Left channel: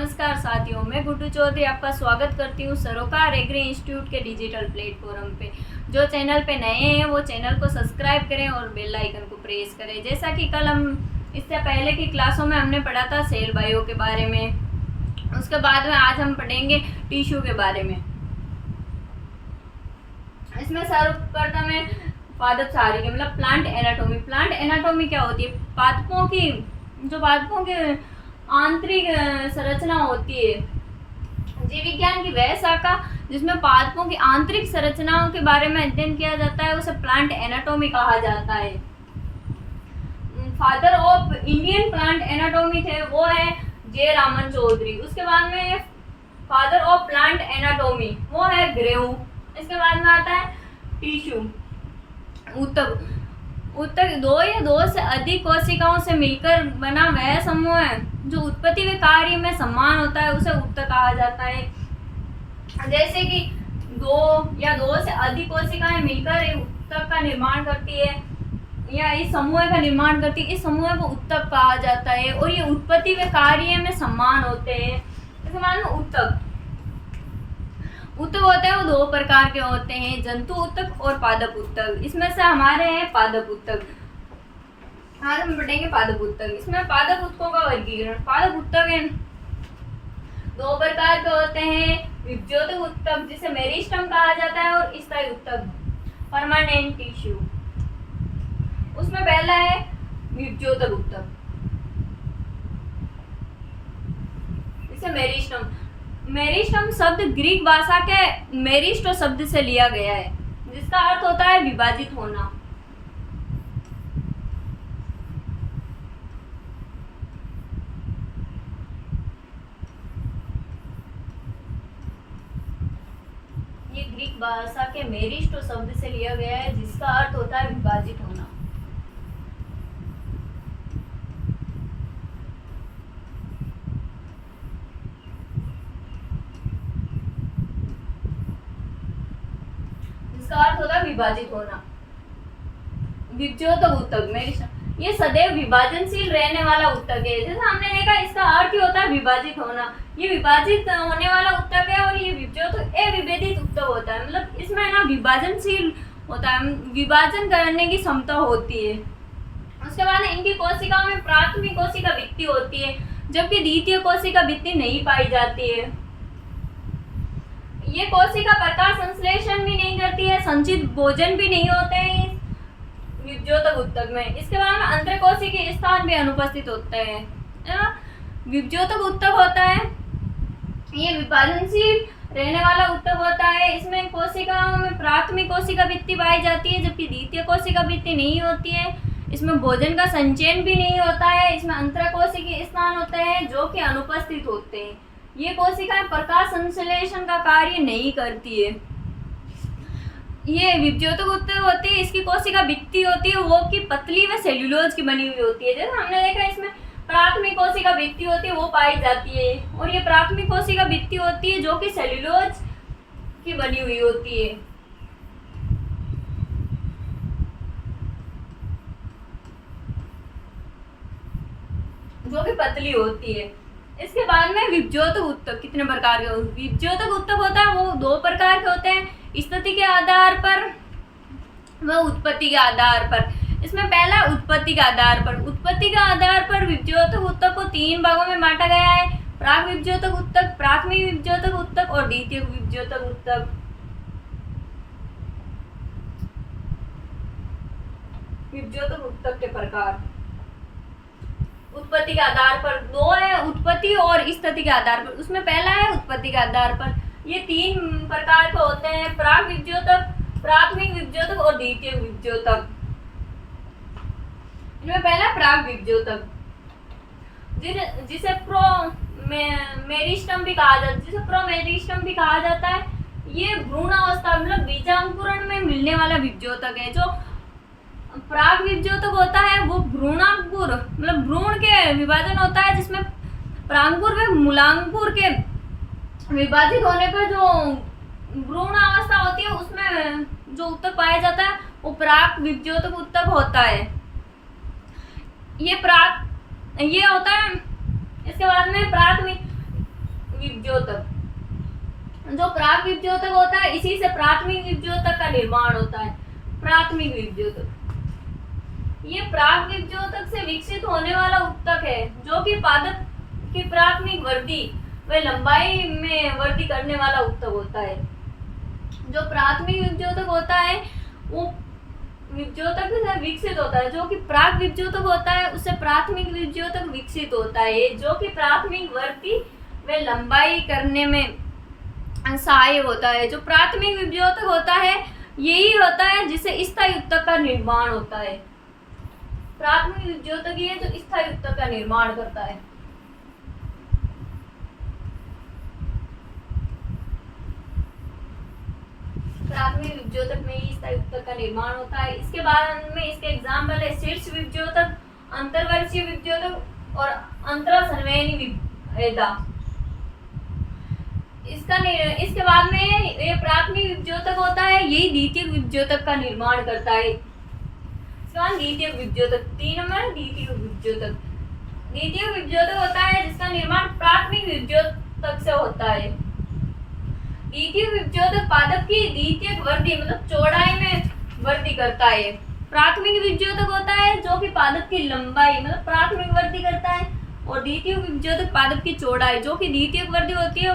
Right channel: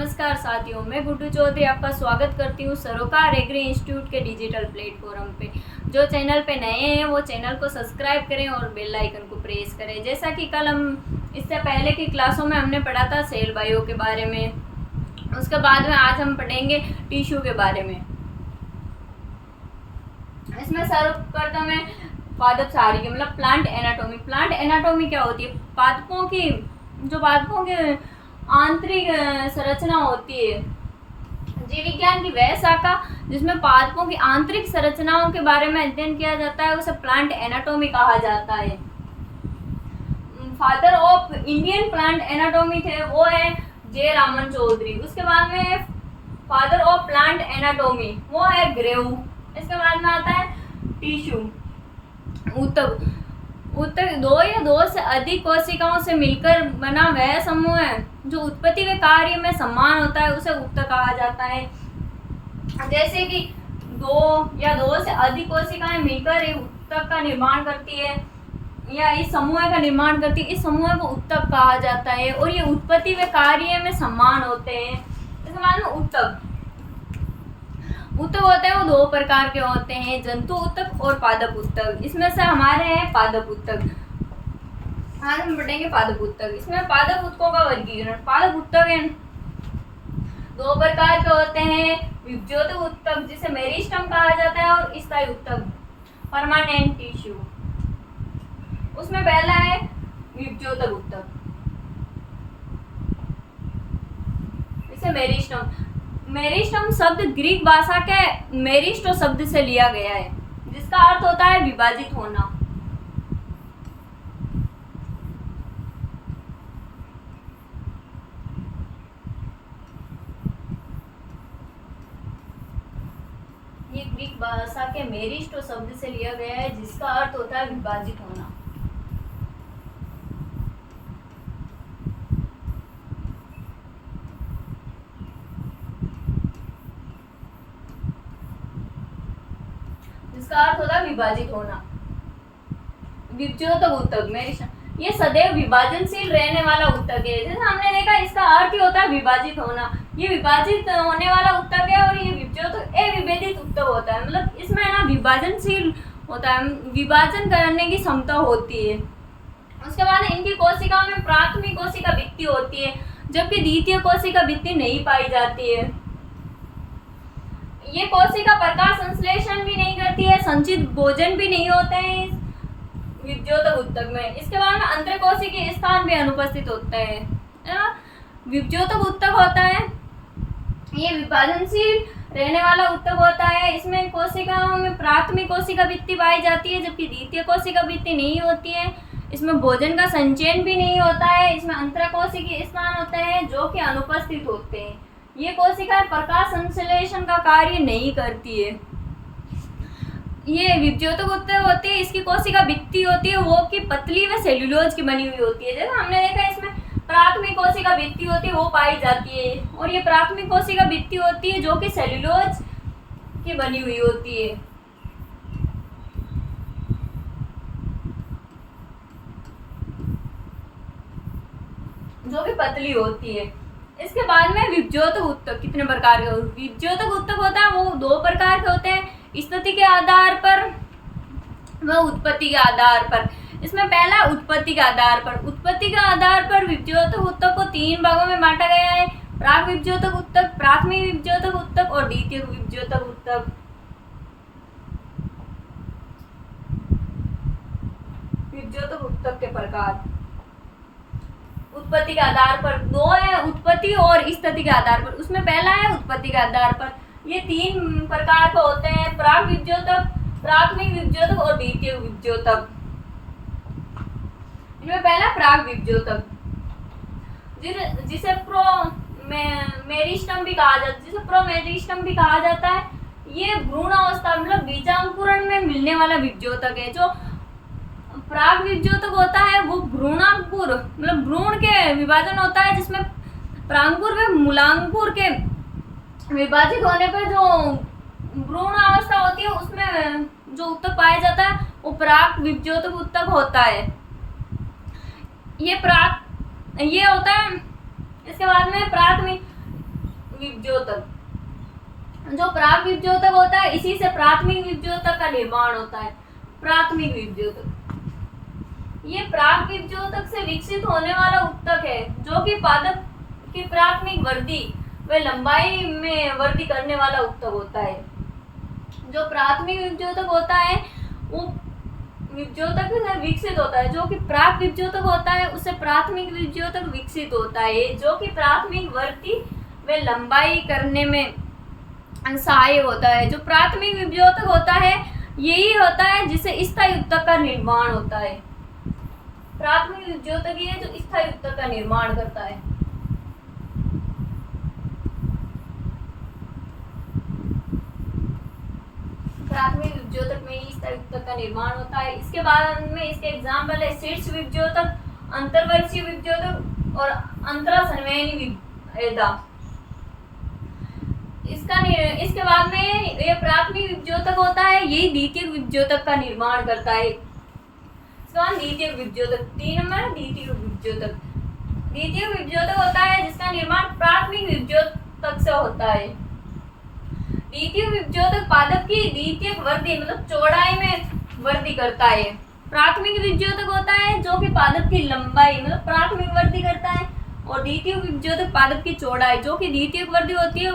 नमस्कार साथियों, मैं गुड्डू चौधरी आपका स्वागत करती हूँ सरोकार एग्री इंस्टीट्यूट के डिजिटल प्लेटफॉर्म पे। जो चैनल पे नए हैं वो चैनल को सब्सक्राइब करें और बेल आइकन को प्रेस करें। जैसा कि कल हम इससे पहले की क्लासों में हमने पढ़ा था सेल बायो के बारे में, उसके बाद में आज हम पढ़ेंगे टिश्यू के बारे में। इसमें सर्वप्रथम है पादप शारीरिक मतलब प्लांट एनाटॉमी। प्लांट एनाटॉमी क्या होती है? पादपों की आंतरिक संरचना होती है। जीव विज्ञान की वह शाखा जिसमें पादपों की आंतरिक संरचनाओं के बारे में अध्ययन किया जाता है उसे प्लांट एनाटॉमी कहा जाता है। Father of Indian plant anatomy थे वो है जे रामन चौधरी। उसके बाद में फादर ऑफ प्लांट एनाटॉमी वो है ग्रेव। इसके बाद में आता है टिश्यू। ऊतक दो या दो से अधिक कोशिकाओं से मिलकर बना वह समूह है जो उत्पत्ति व कार्य में समान होता है, उसे ऊतक कहा जाता है। जैसे कि दो या दो से अधिक कोशिकाएं मिलकर एक ऊतक का निर्माण करती है या इस समूह का निर्माण करती है, इस समूह को ऊतक कहा जाता है और ये उत्पत्ति व कार्य में समान होते हैं। इसके बाद में ऊतक होते हैं वो दो प्रकार के होते हैं, जंतु ऊतक और पादप ऊतक। इसमें से हमारे हैं पादप ऊतक। आज हम पढ़ेंगे पादप ऊतक। इसमें पादप ऊतकों का वर्गीकरण। पादप ऊतक दो प्रकार के होते हैं, विभज्योतक ऊतक जिसे मेरिस्टम कहा जाता है और स्थायी ऊतक परमानेंट टिश्यू। उसमें पहला है विभज्योतक ऊतक, इसे मेरिस्टम। मेरिस्टम शब्द ग्रीक भाषा के मेरिस्टो शब्द से लिया गया है जिसका अर्थ होता है विभाजित होना। ये ग्रीक भाषा के मेरिस्टो शब्द से लिया गया है जिसका अर्थ होता है विभाजित होना। जिसका अर्थ होता है विभाजित होना। विभज्योतक ऊतक मेरिस्टम ये सदैव विभाजनशील रहने वाला ऊतक है। जैसे हमने देखा इसका अर्थ ही होता है विभाजित होना। ये विभाजित होने वाला ऊतक है और ये विभज्योतक अविभेदित ऊतक होता है। मतलब इसमें ना विभाजनशील होता है, विभाजन करने की क्षमता होती है। उसके बाद इनकी कोशिकाओं में प्राथमिक कोशिका भित्ति होती है जबकि द्वितीय कोशिका भित्ति नहीं पाई जाती है। ये कोशिका प्रकाश संश्लेषण भी नहीं करती है, संचित भोजन भी नहीं होते हैं इस विभज्योतक ऊतक में। इसके बाद में अंतरकोशिकीय स्थान भी अनुपस्थित होते हैं। विभज्योतक ऊतक होता है ये विभाजनशील रहने वाला ऊतक होता है। इसमें कोशिकाओं में प्राथमिक कोशिका भित्ति पाई जाती है जबकि द्वितीय कोशिका भित्ति नहीं होती है। इसमें भोजन का संचयन भी नहीं होता है। इसमें अंतरकोशिकीय स्थान होते हैं जो कि अनुपस्थित होते हैं। ये कोशिकाएं प्रकाश संश्लेषण का कार्य नहीं करती है। ये विभज्योतक ऊतक होती है, इसकी कोशिका भित्ति होती है वो कि पतली व सेल्यूलोज की बनी हुई होती है। जैसे हमने देखा इसमें प्राथमिक कोशिका भित्ति होती है वो पाई जाती है और ये प्राथमिक कोशिका भित्ति होती है जो कि सेल्यूलोज की बनी हुई होती है। जो कि पतली होती है। इसके बाद में विभज्योतक ऊतक कितने प्रकार के विभज्योतक ऊतक होता है वो दो प्रकार के होते हैं, स्थिति के आधार पर व उत्पत्ति के आधार पर। इसमें पहला उत्पत्ति के आधार पर। उत्पत्ति के आधार पर विभज्योतक ऊतक को तीन भागों में बांटा गया है, प्राक विभज्योतक ऊतक, प्राथमिक विभज्योतक ऊतक और द्वितीय विभज्योतक ऊतक। विभज्योतक ऊतक के प्रकार उत्पत्ति के आधार पर दो है, उत्पत्ति और स्थिति के आधार पर। उसमें पहला है उत्पत्ति के आधार पर। ये तीन प्रकार के होते हैं, प्राक विभज्योतक, प्राथमिक विभज्योतक और द्वितीय विभज्योतक। इनमें पहला प्राक विभज्योतक जिसे मेरिस्टम भी कहा जाता है, जिसे प्रोमेरिस्टम भी कहा जाता है। ये भ्रूण अवस्था मतलब बीजांकुरण में मिलने वाला विभज्योतक है। जो प्राक विभज्योतक होता है वो भ्रूणांकुर मतलब भ्रूण के विभाजन होता है जिसमें प्रांकुर व मूलांकुर के विभाजित होने पर जो भ्रूण अवस्था होती है उसमें जो ऊतक पाया जाता है वो प्राक विभज्योतक ऊतक होता है। ये होता है। इसके बाद में प्राथमिक विभ्योतक। जो प्राक विभ्योतक होता है इसी से प्राथमिक विभ्योतक का निर्माण होता है। प्राथमिक विभ्योतक, ये प्राक विभ्योतक से विकसित होने वाला उत्तक है जो कि पादप की प्राथमिक वृद्धि व लंबाई में वृद्धि करने वाला उत्तक होता है। जो प्राथमिक विभ्योतक होता है वो विभ्योतक से विकसित होता है, जो कि प्राक विभ्योतक होता है उससे प्राथमिक विभ्योतक विकसित होता है, जो कि प्राथमिक वृद्धि व लंबाई करने में सहायक होता है। जो प्राथमिक विभ्योतक होता है यही होता है जिससे स्थायी उत्तक का निर्माण होता है। प्राथमिक विभ्योतक ही है जो स्थायी उत्तक का निर्माण करता है। प्राथमिक विभ्योतक में ही स्थायी उत्तक का निर्माण होता है। इसके बाद में इसके एग्जाम्पल है शीर्ष विभ्योतक, अंतर्वर्षीय विभ्योतक और अंतरासंवहनी वेदा। इसके बाद में ये प्राथमिक विभ्योतक होता है, यही द्वितीय विभ्योतक का निर्माण करता है। द्वितीय विभ्योतक 3 नंबर द्वितीय विभ्योतक। द्वितीय विभ्योतक होता है जिसका निर्माण प्राथमिक विभ्योतक से होता है। द्वितीय विभ्योतक पादप की द्वितीयक वृद्धि मतलब चौड़ाई में वृद्धि करता है। प्राथमिक विभ्योतक होता है जो कि पादप की लंबाई मतलब प्राथमिक वृद्धि करता है, और द्वितीय विभ्योतक पादप की चौड़ाई जो कि द्वितीयक वृद्धि होती है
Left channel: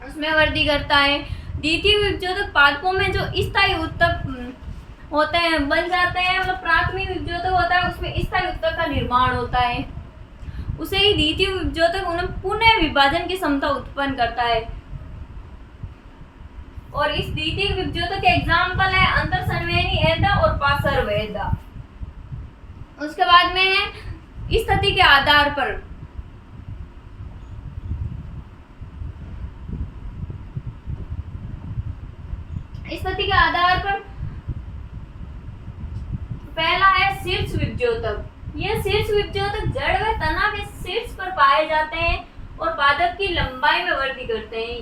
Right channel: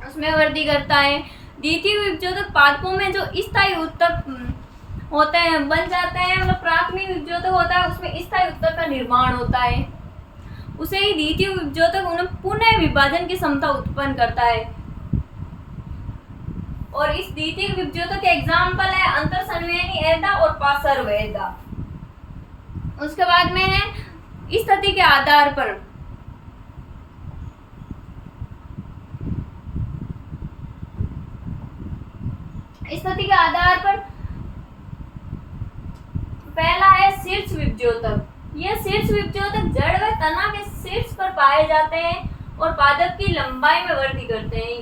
उसमें वृद्धि करता है। द्वितीय विभ्योतक पादपों में जो स्थायी उत्तक होते हैं बन जाते हैं, मतलब प्राथमिक विभ्योतक होता है उसमें स्थायी उत्तक का निर्माण होता है, उसे ही द्वितीय विभ्योतक उन्हें पुनः विभाजन की क्षमता उत्पन्न करता है। और इस द्वितीय विभ्योतक के एग्जाम्पल है अंतरसंवहनी एदा और पार्श्व एदा। उसके बाद में है स्थिति के आधार पर पहला है शीर्ष विभ्योतक। यह शीर्ष विभ्योतक जड़ व तना के शीर्ष पर पाए जाते हैं और पादप की लंबाई में वृद्धि करते हैं।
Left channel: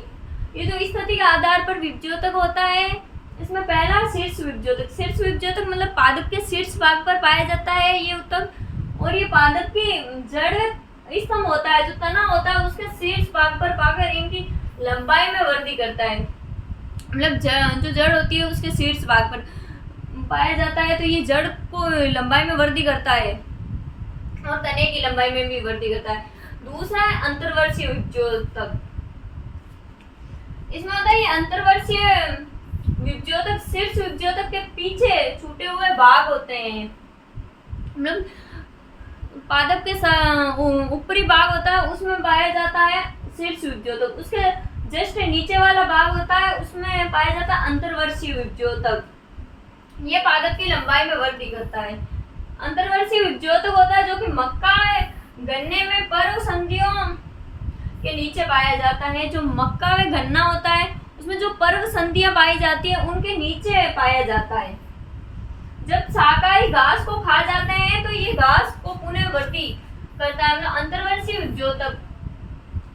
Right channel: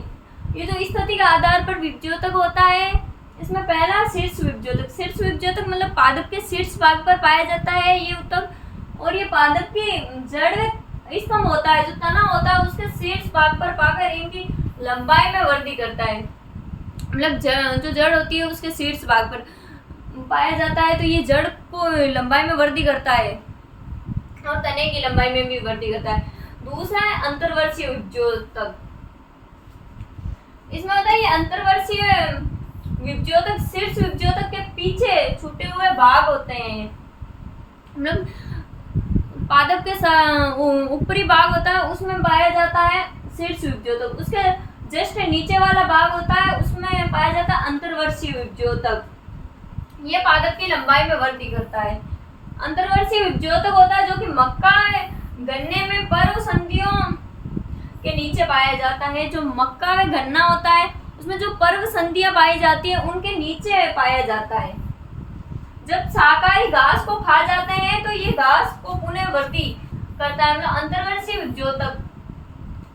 ये जो स्थिति के आधार पर विभ्योतक होता है इसमें पहला शीर्ष विभ्योतक। शीर्ष विभ्योतक मतलब पादप के शीर्ष भाग पर पाया जाता है ये उत्तक, और ये पादप की जड़ व स्तंभ होता है जो तना होता है उसके शीर्ष भाग पर पाकर इनकी लंबाई में वृद्धि करता है। मतलब जो जड़ होती है उसके शीर्ष भाग पर पाया जाता है, तो ये जड़ को लंबाई में वृद्धि करता है और तने की लंबाई में भी वृद्धि करता है। दूसरा है अंतर्वर्षीय विभ्योतक। इसमें होता है ये अंतर्वर्षीय विभ्योतक शीर्ष विभ्योतक के पीछे छूटे हुए भाग होते हैं। मतलब पादप के ऊपरी भाग होता है उसमें पाया जाता है शीर्ष विभ्योतक, उसके जस्ट नीचे वाला भाग होता है उसमें पाया जाता है अंतर्वर्षीय विभ्योतक। ये पादप की लंबाई में वृद्धि करता है। अंतर्वर्षीय विभ्योतक होता है जो कि मक्का गन्ने में पर्व संधियों के नीचे पाया जाता है। जो मक्का व गन्ना होता है उसमें जो पर्व संधियां पाई जाती है उनके नीचे पाया जाता है। जब शाकाहारी घास को खा जाते हैं तो ये घास को पुनः वृद्धि करता है। मतलब अंतर्वर्षीय विभ्योतक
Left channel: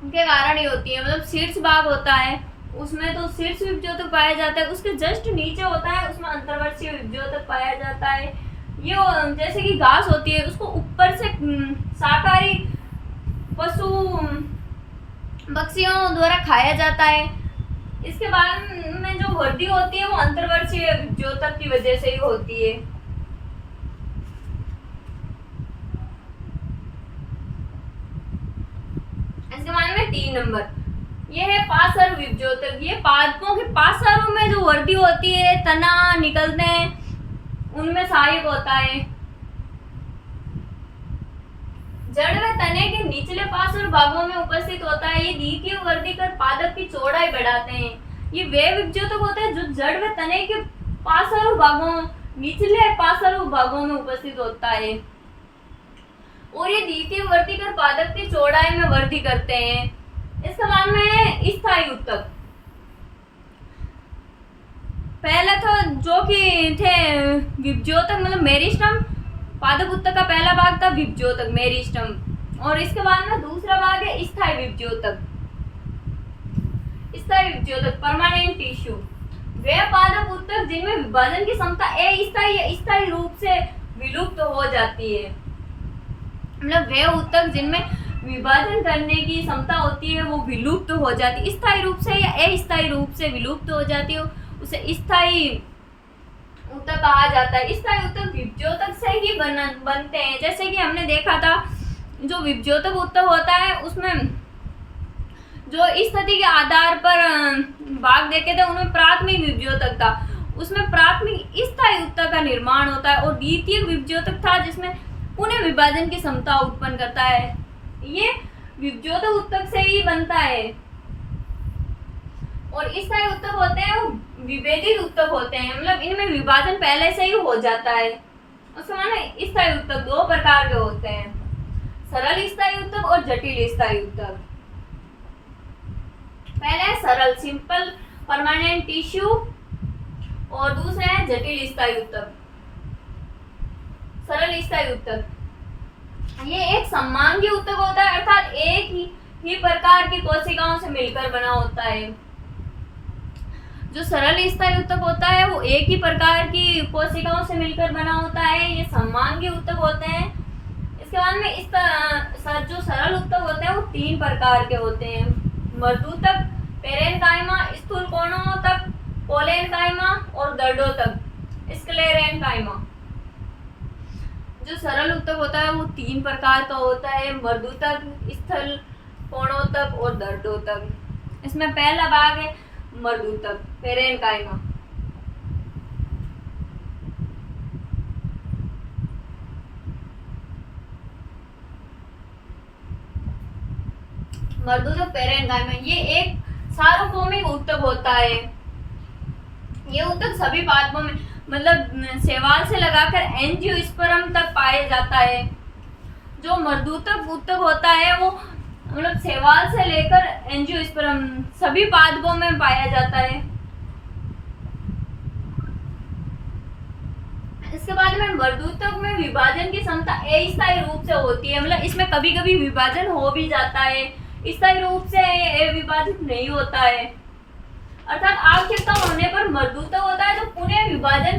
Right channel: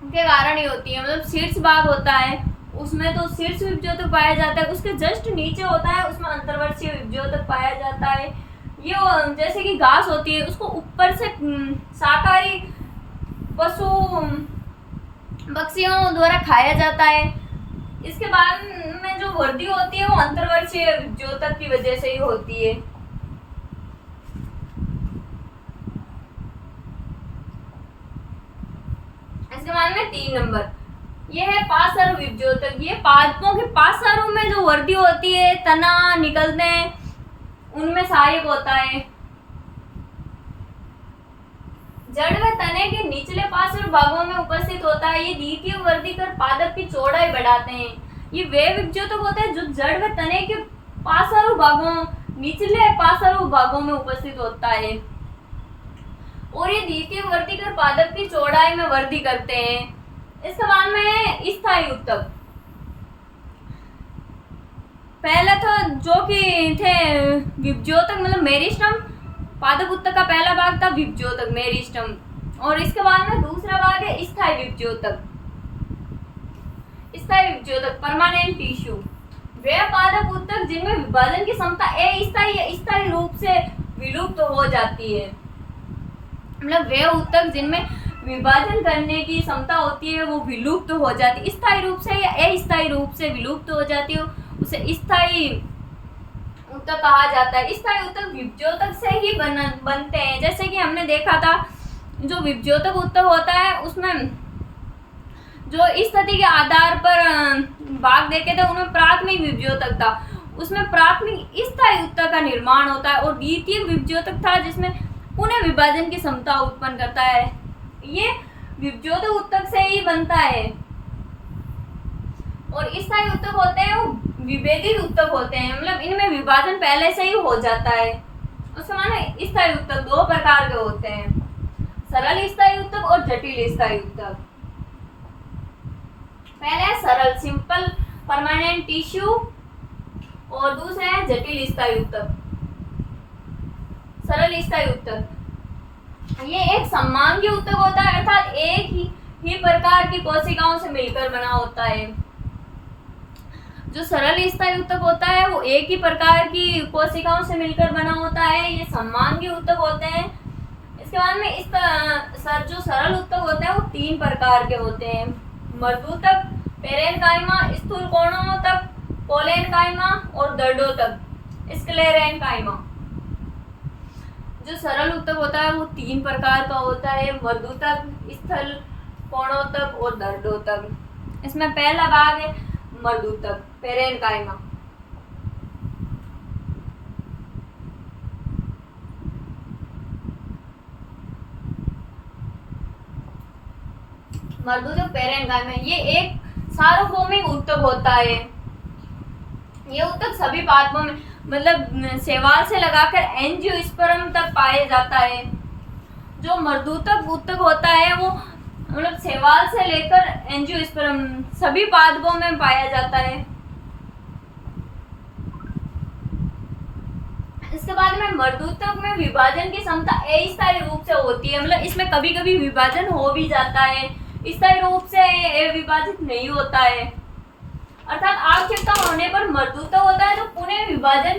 के कारण ही होती है। मतलब शीर्ष भाग होता है उसमें तो शीर्ष विभ्योतक पाया जाता है, उसके जस्ट नीचे होता है उसमें अंतर्वर्षीय विभ्योतक पाया जाता है। ये जैसे कि घास होती है उसको ऊपर से शाकाहारी पशु पक्षियों द्वारा खाया जाता है। इसके बाद में जो वृद्धि होती है वो अंतर्वर्षीय विभ्योतक की वजह से ही होती है। इसके बाद में 3 नंबर ये है पार्श्व विभ्योतक। ये पादपों के पार्श्व में जो वृद्धि होती है तना निकलते हैं उनमें सहायक होता है। जड़ व तने के निचले पार्श्व भागों में उपस्थित होता है। ये द्वितीय वृद्धि कर पादप की चौड़ाई बढ़ाते हैं। ये वे विभ्योतक होते हैं जो जड़ व तने के पार्श्व भागों निचले पार्श्व भागों में उपस्थित होता है, और ये द्वितीय वृद्धि कर पादप की चौड़ाई में वृद्धि करते हैं। इसके बाद में स्थायी उत्तक। पहले तो जो कि थे विभ्योतक मतलब मेरिस्टम, पादप उत्तक का पहला भाग था विभ्योतक मेरिस्टम, और इसके बाद में दूसरा भाग है स्थायी विभ्योतक। स्थायी विभ्योतक परमानेंट टिश्यू वे पादप उत्तक जिनमें विभाजन की क्षमता अस्थायी या स्थायी रूप से विलुप्त हो जाती है। मतलब वे उत्तक जिनमें विभाजन करने की क्षमता होती है वो विलुप्त हो जाती है, स्थायी रूप से या अस्थायी रूप से विलुप्त हो जाती है, उसे स्थायी ऊतक कहा जाता है। स्थायी ऊतक विभज्योतक से ही बनते हैं। जैसे कि हमने देखा था जो विभज्योतक ऊतक होता है उसमें जो स्थिति के आधार पर भाग देखे थे उनमें प्राथमिक विभज्योतक था, उसमें प्राथमिक स्थायी ऊतक का निर्माण होता है, और द्वितीय विभज्योतक था जिसमें पुनः विभाजन की क्षमता उत्पन्न करता है। ये विभज्योतक ऊतक से ही बनता है। और स्थायी ऊतक होते हैं वो विभेदित ऊतक होते हैं, मतलब इनमें विभाजन पहले से ही हो जाता है। उसके माने स्थायी ऊतक दो प्रकार के होते हैं, सरल स्थायी ऊतक और जटिल स्थायी ऊतक। पहले है सरल सिंपल परमानेंट टिश्यू, और दूसरा है जटिल स्थायी ऊतक। सरल स्थायी ऊतक ये एक समांगी ऊतक होता है, अर्थात एक ही प्रकार की कोशिकाओं से मिलकर बना होता है। जो सरल स्थायी ऊतक होता है वो एक ही प्रकार की कोशिकाओं से मिलकर बना होता है, ये समांगी ऊतक होते हैं। इसके बाद में जो सरल ऊतक होते हैं वो तीन प्रकार के होते हैं, मर्दूतक, पेरेनकाइमा, स्थूल कोणोतक, कोलेनकाइमा, और दर्डोतक, स्क्लेरेनकाइमा। जो सरल ऊतक होता है वो तीन प्रकार का होता है, मर्दूतक, स्थूल कोणोतक और दर्डोतक। इसमें पहला भाग है मर्दूतक, पेरेनकाइमा। मर्दूतक पेरेनकाइमा ये एक सार्वभौमिक ऊतक होता है। ये ऊतक सभी पादपों में मतलब शैवाल से लगाकर एंजियोस्पर्म तक पाया जाता है। जो मर्दूतक ऊतक होता है वो मतलब शैवाल से लेकर एंजियोस्पर्म सभी पादपों में पाया जाता है। इसके बाद में मर्दूतक में विभाजन की क्षमता अस्थायी रूप से होती है, मतलब इसमें कभी कभी विभाजन हो भी जाता है, स्थायी रूप से विभाजित नहीं होता है। अर्थात आवश्यकता होने पर मर्दूतक होता है जो पुनः विभाजन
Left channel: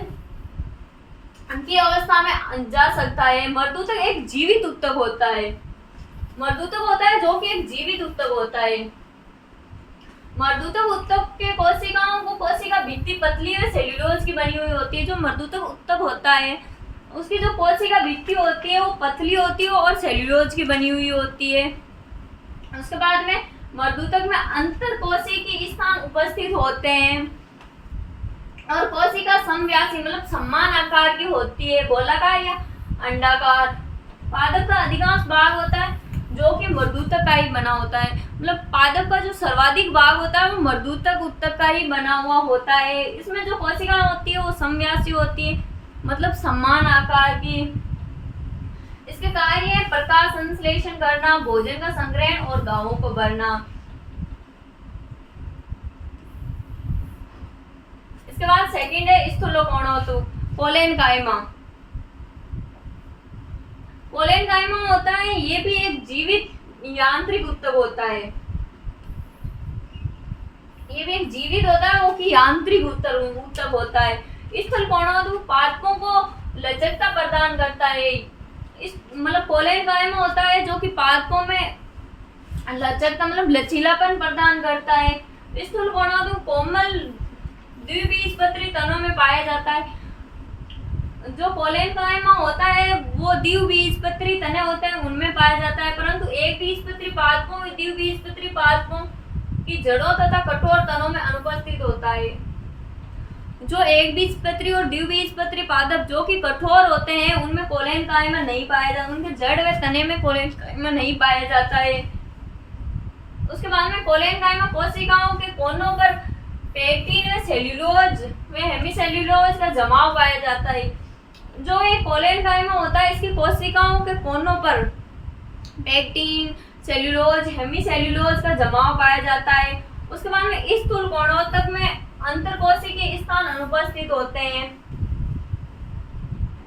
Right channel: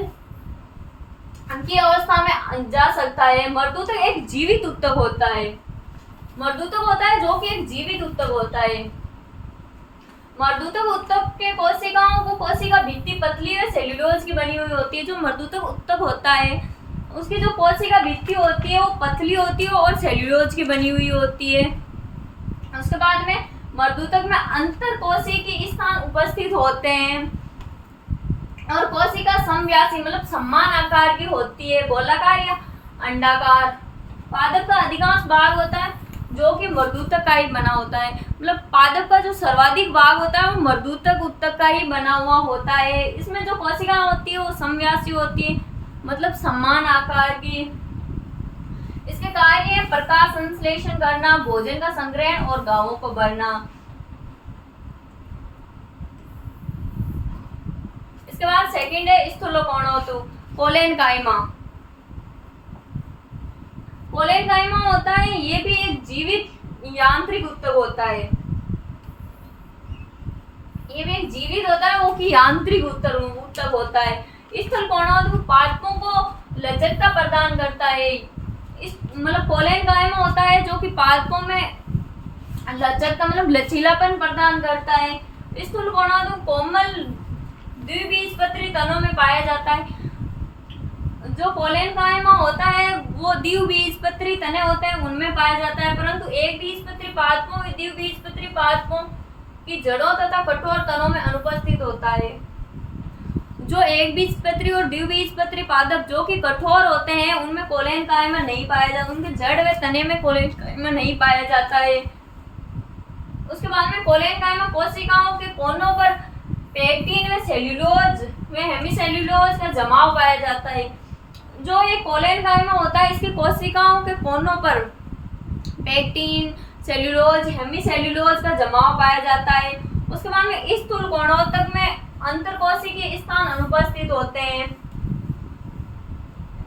की अवस्था में जा सकता है। मर्दूतक एक जीवित ऊतक होता है, मर्दूतक होता है जो कि एक जीवित ऊतक होता है। मर्दूतक ऊतक के कोशिकाओं को कोशिका भित्ति पतली व सेल्यूलोज की बनी हुई होती है। जो मर्दूतक ऊतक होता है उसकी जो कोशिका भित्ति होती है वो पतली होती है और सेल्यूलोज की बनी हुई होती है। उसके बाद में मर्दूतक में अंतर कोशिकीय स्थान उपस्थित होते हैं, और कोशिका समव्यासी मतलब समान आकार की होती है, गोलाकार या अंडाकार। पादप का अधिकांश भाग होता है जो कि मर्दूतक का ही बना होता है, मतलब पादप का जो सर्वाधिक भाग होता है वो मर्दूतक ऊतक का ही बना हुआ होता है। इसमें जो कोशिका होती है वो समव्यासी होती है, मतलब समान आकार की। इसके कार्य है प्रकाश संश्लेषण करना, भोजन का संग्रहण और घावों को भरना। इसके बाद सेकंड है स्थूलोकोणोतक, कोलेनकाइमा। कोलेनकाइमा होता है ये भी एक जीवित यांत्रिक ऊतक होता है, ये भी एक जीवित होता है वो कि यांत्रिक ऊतक होता है। स्थूलोकोणोतक पादपों को लचकता प्रदान करता है। इस मतलब कोलेनकाइमा होता है जो कि पादपों में लचकता मतलब लचीलापन प्रदान करता है। स्थूलोकोणोतक कोमल द्विबीजपत्री तनों में पाया जाता है। जो कोलेनकाइमा होता है वो द्विबीजपत्री तने होते हैं उनमें पाया जाता है, परंतु एक बीजपत्री पादपों व द्विबीजपत्री पादपों की जड़ों तथा कठोर तनों में अनुपस्थित होता है। जो एक बीजपत्री और द्विबीजपत्री पादप जो कि कठोर होते हैं उनमें कोलेनकाइमा नहीं पाया जाता, उनके जड़ व तने में कोलेनकाइमा नहीं पाया जाता है। उसके बाद में कोलेनकाइमा कोशिकाओं के कोनों पर पेक्टिन व सेल्यूलोज व हेमीसेल्यूलोज का जमाव पाया जाता है। जो ये कोलेनकाइमा होता है इसकी कोशिकाओं के कोनों पर पेक्टिन, सेल्यूलोज, हेमीसेल्यूलोज का जमाव पाया जाता है। उसके बाद में स्थूलोकोणोतक में अंतरकोशिकीय स्थान अनुपस्थित होते हैं।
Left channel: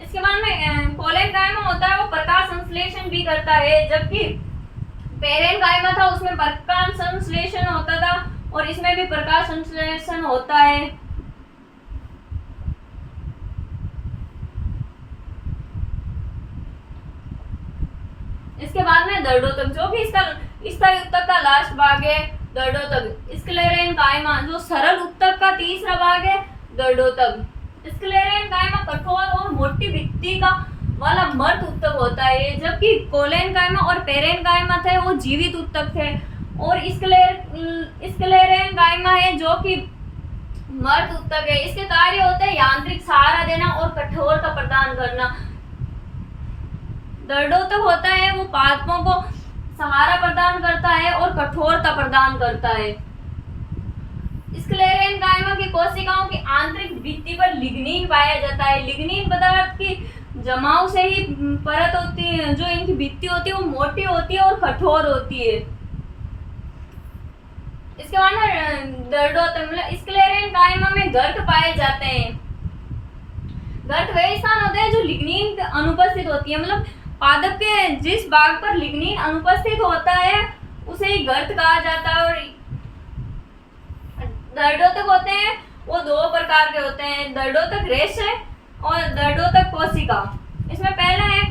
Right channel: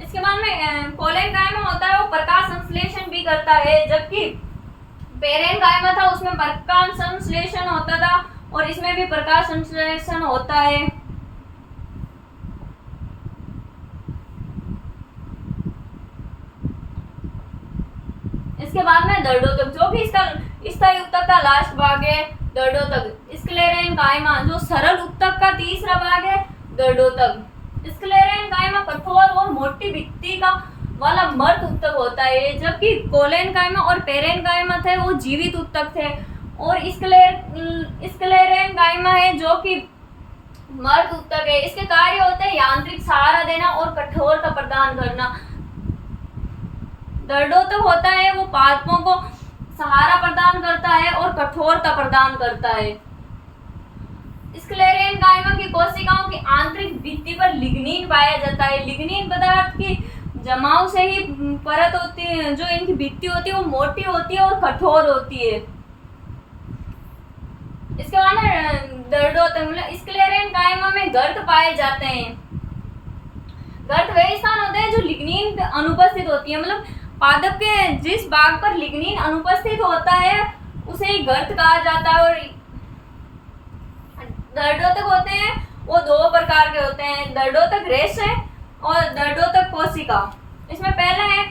इसके बाद में कोलेनकाइमा होता है वो प्रकाश संश्लेषण भी करता है, जबकि पेरेनकाइमा था उसमें प्रकाश संश्लेषण होता था और इसमें भी प्रकाश संश्लेषण होता है। इसके इसके बाद में दर्डोतक, जो भी इसका स्थायी उत्तक का लास्ट भाग है दर्डोतक। स्क्लेरेन कायमा, जो सरल उत्तक का तीसरा भाग है दर्डोतक। स्क्लेरेन कायमा कठोर और मोटी भित्ति का वाला मर्द उत्तक होता है, जबकि कोलेन कायमा और पेरेन कायमा थे वो जीवित उत्तक थे। और स्क्लेरेन कायमा है जो कि मर्द उत्तक है। इसके कार्य होते हैं यांत्रिक सहारा देना और कठोरता प्रदान करना। दर्डोतक होता है वो पादपों को सहारा प्रदान करता है और कठोरता प्रदान करता है। स्क्लेरेन कायमा की कोशिकाओं की आंतरिक भित्ति पर लिग्निन पाया जाता है। लिग्निन पदार्थ की जमाव से ही परत होती है, जो इनकी भित्ति होती है वो मोटी होती है और कठोर होती है। इसके बाद दर्डोतक मतलब स्क्लेरेन कायमा में गर्त पाए जाते हैं। गर्त वे स्थान होते हैं जो लिग्निन अनुपस्थित होती है, मतलब पादप के जिस भाग पर लिग्निन अनुपस्थित होता है उसे ही गर्त कहा जाता है। और दर्डोतक होते हैं वो दो प्रकार के होते हैं, दर्डोतक रेशे और दर्डोतक कोशिका। इसमें पहला है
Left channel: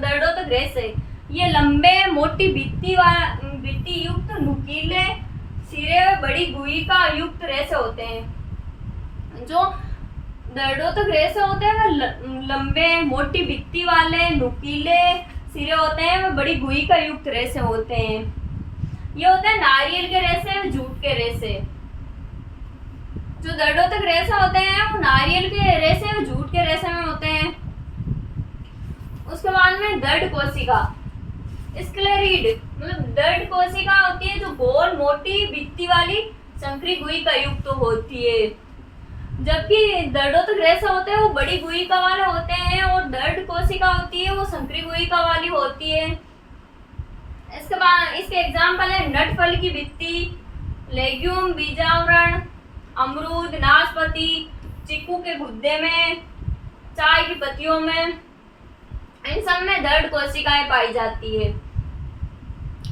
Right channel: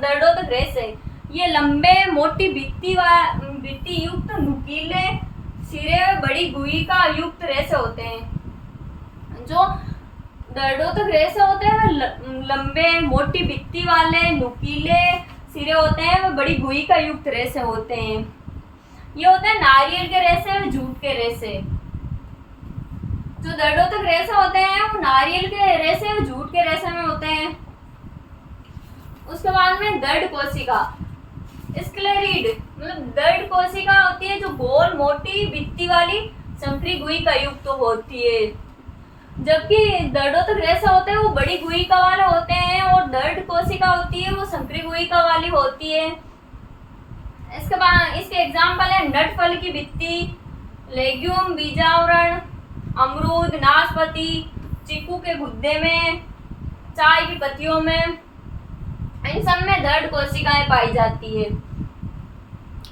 दर्डोतक रेशे। ये लंबे मोटी भित्ति युक्त नुकीले सिरे में बड़ी गुहिका युक्त रेशे होते हैं। जो दर्डोतक रेशे होते हैं वह लंबे मोटी भित्ति वाले नुकीले सिरे होते हैं, वह बड़ी गुहिका युक्त रेशे होते हैं। ये होते हैं नारियल के रेशे और जूट के रेशे। जो दर्डोतक रेशे होते हैं वो नारियल के रेशे और जूट के रेशे में होते हैं। उसके बाद में दर्ड कोशिका स्क्लेरिड मतलब दर्ड कोशिका होती है जो गोल मोटी भित्ति वाली संकरी गुहिका युक्त होती है, जबकि दर्डोतक रेशे होते हैं वो बड़ी गुहिका वाले होते हैं और दर्ड कोशिका होती है वो संकरी गुहिका वाली होती है। इसके बाद इसके एग्जाम्पल है नट फल की भित्ति, लेग्यूम बीजावरण, अमरूद, नाशपाती, चीकू के गुद्दे में, चाय की पत्तियों में, इन सब में दर्ड कोशिकाएं पाई जाती है।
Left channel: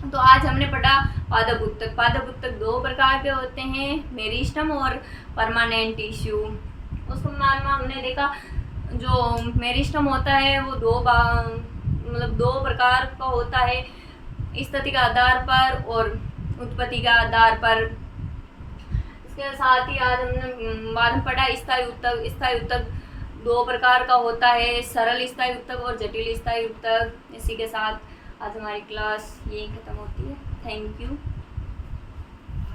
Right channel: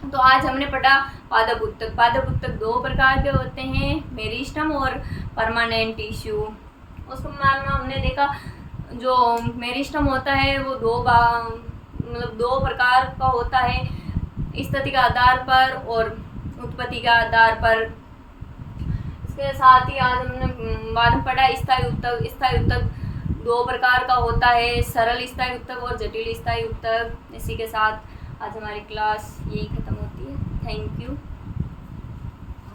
तो आज हमने पढ़ा पादप उत्तक। पादप उत्तक दो प्रकार के होते हैं, मेरिस्टम और परमानेंट टिश्यू। उसको में हमने देखा जो मेरिस्टम होता है वो दो प्रकार का होता है, स्थिति के आधार पर और उत्पत्ति के आधार पर। इसके साथ ही आज हमने बाद में पढ़ा स्थायी उत्तक। स्थायी उत्तक दो प्रकार का होता है, सरल स्थायी उत्तक और जटिल स्थायी उत्तक। इसी के साथ आज हमारी क्लास यही ख़त्म होती है। Thank you.